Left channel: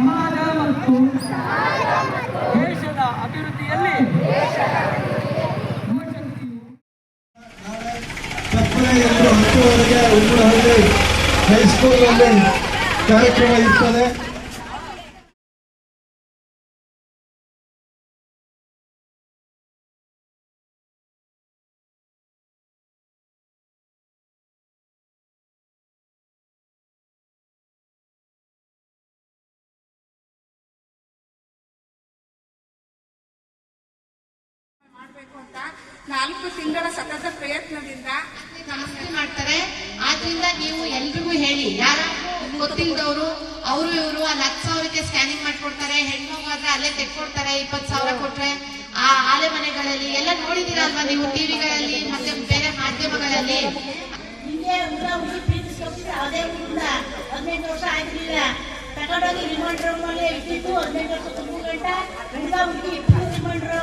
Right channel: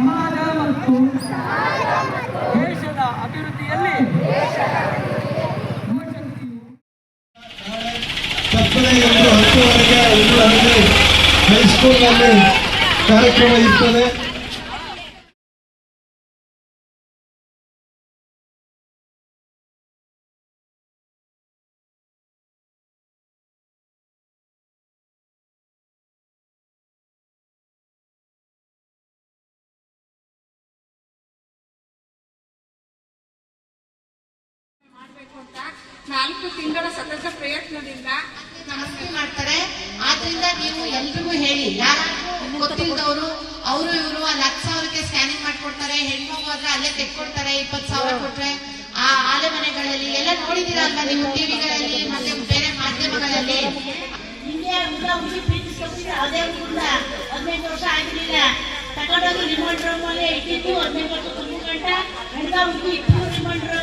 ಸಮಾಜ ಮತ್ತು ದೇಶದ ಅಭಿವೃದ್ಧಿಯಲ್ಲಿ ತಪ್ಪದೆ 10ವರೆಗೆ ಉಳ್ಳಹಳ್ಳಿ ಹೈಸ್ಕೂಲ್ನಲ್ಲಿ ಕಾರ್ಯಕ್ರಮ ಇರ್ತದೆ. ಅಂತ 4 ತಿಂಗಳ ಸತತ ಪ್ರಯತ್ನದಿಂದ ನಮಸ್ತೆ ಮಾಡ್ತಾರೆ. ಆದ್ರಿಂದ ನೀವು ಎಲ್ರಿಗೂ ಹೇಳಿ, ಯಾರಾದ್ರೂ ಗೊತ್ತಿಲ್ಲದವರು ಅವರು ಇವರು ಅಲ್ಲಿ 10,000ಕ್ಕೆ ಸ್ಕ್ಯಾನಿಂಗ್ ಮಾಡ್ಕೊಡ್ತಾರೆ, ಹೆಣ್ಮಗಾದ್ರೆ ಅಲ್ಲೇ ತೆಕ್ಕೊಡ್ತಾರೆ, 20,000 ಕೊಟ್ರೆ ಆ ಆಲೆ ಮನೆಗಳಲ್ಲಿ ಎಲ್ಲ ನೋಡಿದೀರಾ ಅಲ್ವಾ ನೀವು ಟಿವಿಗಳಲ್ಲಿ ಮತ್ತೆ ಬೇರೆ ಮಾಧ್ಯಮಗಳಲ್ಲಿ. ಅದೇ 15 ವರ್ಷ ಆಗಿರ್ಲಿಲ್ಲ, ತಗೊಂಡೋಗಿ ರಿಮೈಂಡರ್ ಮೇಲೆ ಇಟ್ಟಿದ್ದು 15 ವರ್ಷ 1 ಗಂಟೆ ಹುಡುಗ ಹುಡುಗಿ ಇಬ್ಬರು ರಿಮೈಂಡರ್